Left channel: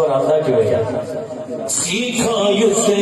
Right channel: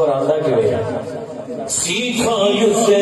سفر آتا کہ سیکھا اسے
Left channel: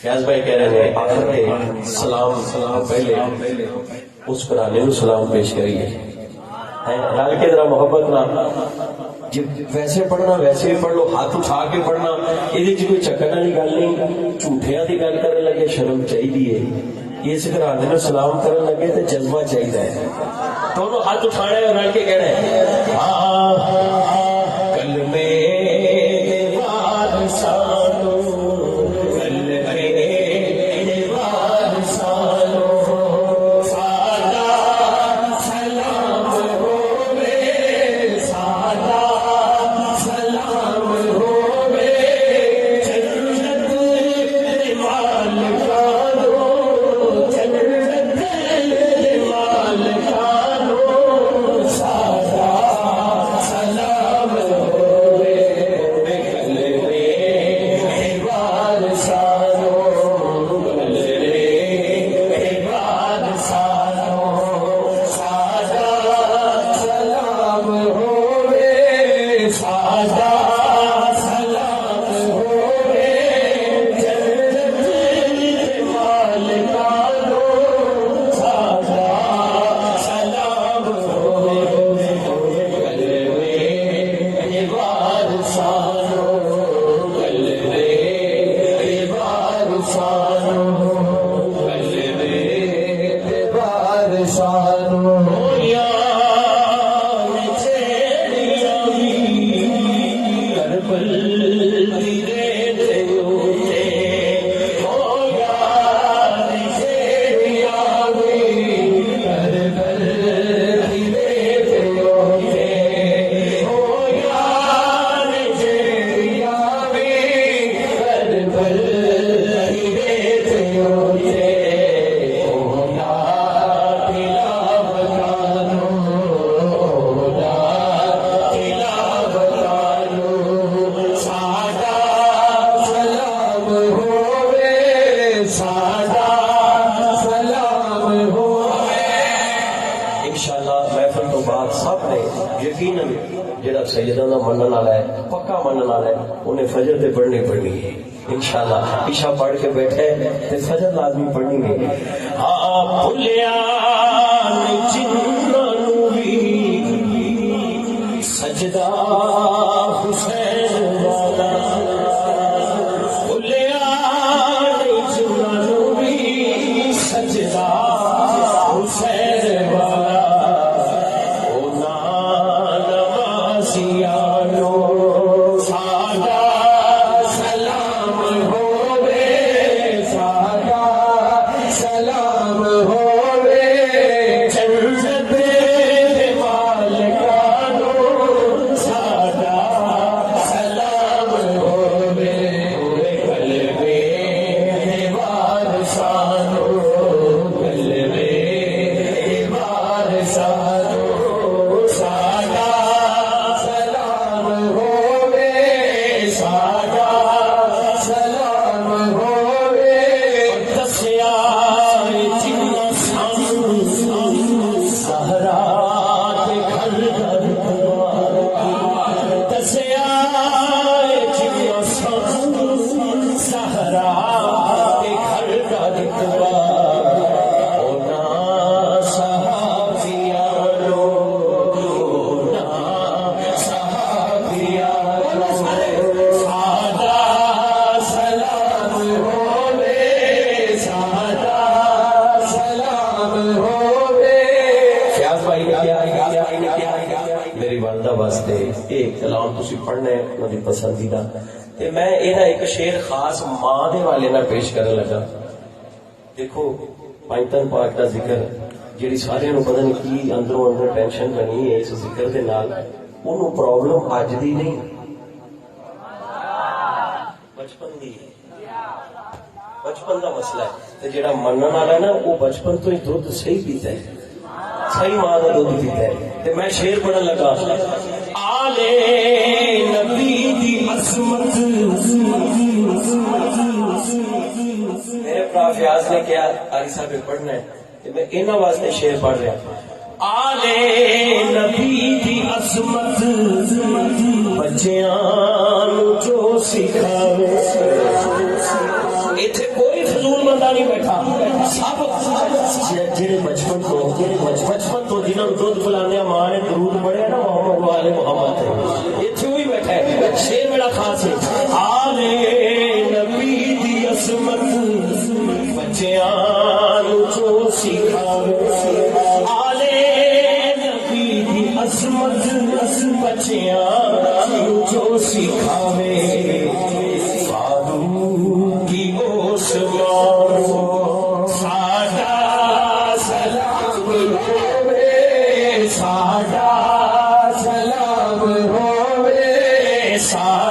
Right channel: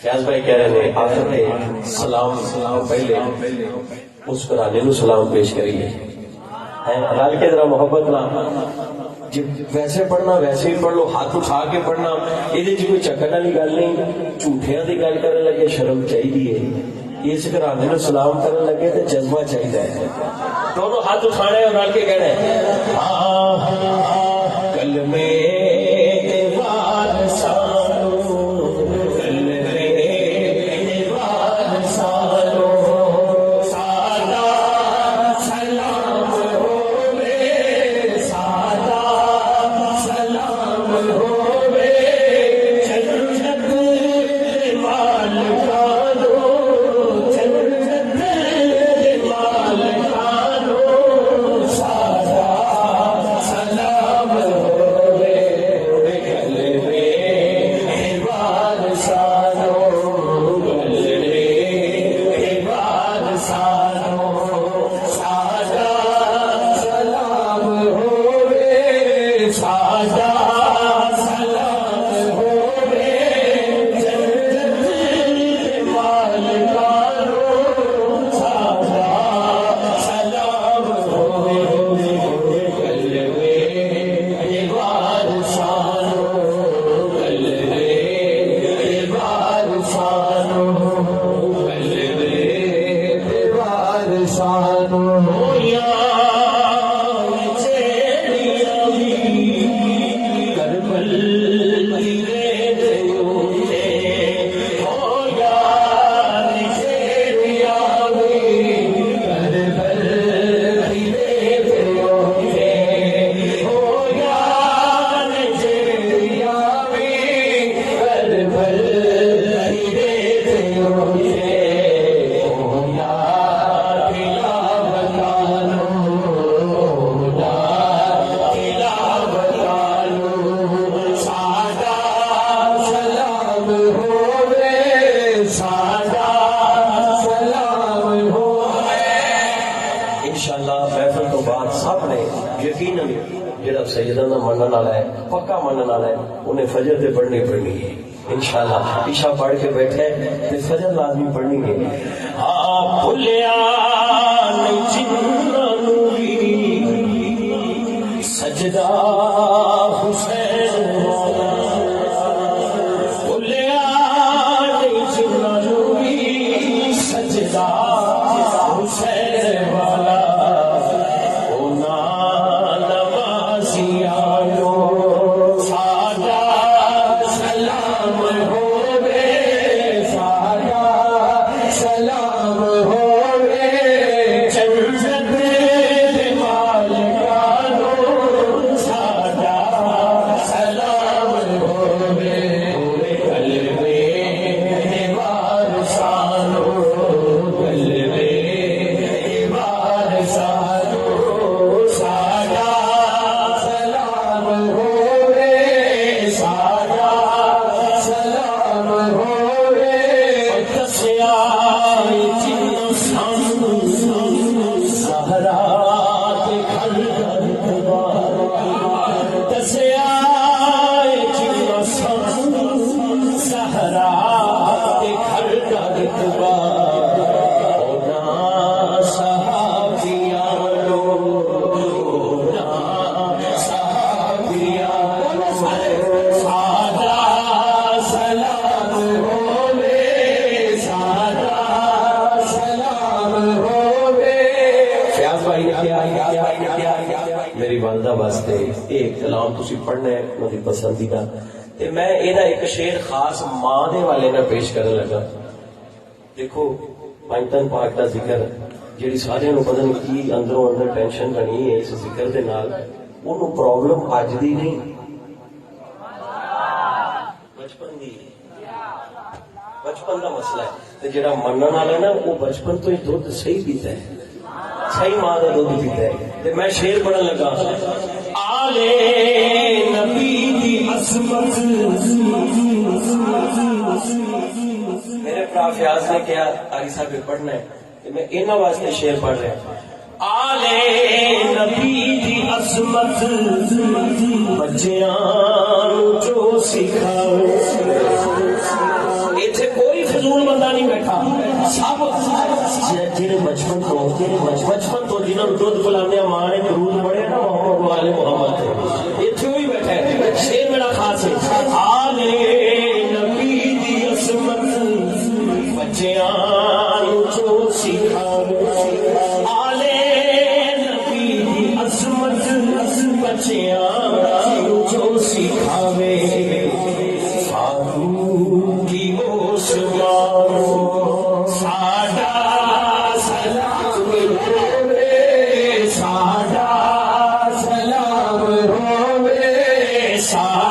فیاض بھائی کہہ رہے ہیں آخر میں سلام پہلے اس پرانے کو سلام پیش کریے رل کے ذرا محبت نہ ویسے پڑھنا ویسے بھی پڑھ لو ہاتھ اٹھا کے پڑھنا یہ کوئی چکر والی گل نہیں جھوٹیاں کی گل کرنے لگے شرم چاہیے اس گھرانے کو سلام کرنے لگے تو جذبہ چاہیے دونوں ہاتھ اٹھانے اور رل کے کہنا کل میں Allah انشاءاللہ محفل تو بعد سب نے یقیناً جڑا سیدہ دا منن والا ہے پکا منن والا ہے انہیں فجر تے پڑھنی پڑنی ہے انشاءاللہ عشاء پڑھ کے بیٹھے تے فجر لازمی پڑھنی ہے ہاں بھولیا سجدہ حسین والا بھولیا سجدہ حسین والا پسندیدہ میں ایک شعر خاص ماں دے والے نہ پیش کرنے لگا. دیکھو پائتن پاک کا ذکر جی سارے پتہ نہیں کی اندروں اندر ٹینشن بنی ہے اس ذکر دے نال انہوں پرابلم اج دی نہیں بچپن کا مسئلہ ہے. جڑا منن والا نا وہ بچپن تو ہی دودھ صحیح پیتا ہے صحیح ماں کا دودھ پیتا ہے. میں شعر پڑھن لگا میرے پرا فیاض نے کیا قاری صاحب پڑھنا ہے میں انہاں واسطے شعر پڑھ رہا آلے نبی دی عظمت بچیاں جو سکھاؤ. ایتھے کوئی فضول بندہ نہیں بیٹھا سب جڑے بچپن تو جنہوں نے دودھ پلانے ماں نے درود پڑھیا نا محمد والے محمد ایتھے وہی بیٹھا ہے. شعر میرا خاص ہے آلے نبی دی عظمت بچیاں جو سکھاؤ. آلے نبی دی عظمت بچیاں جو سکھاوے سادہ سلام ہوے سادہ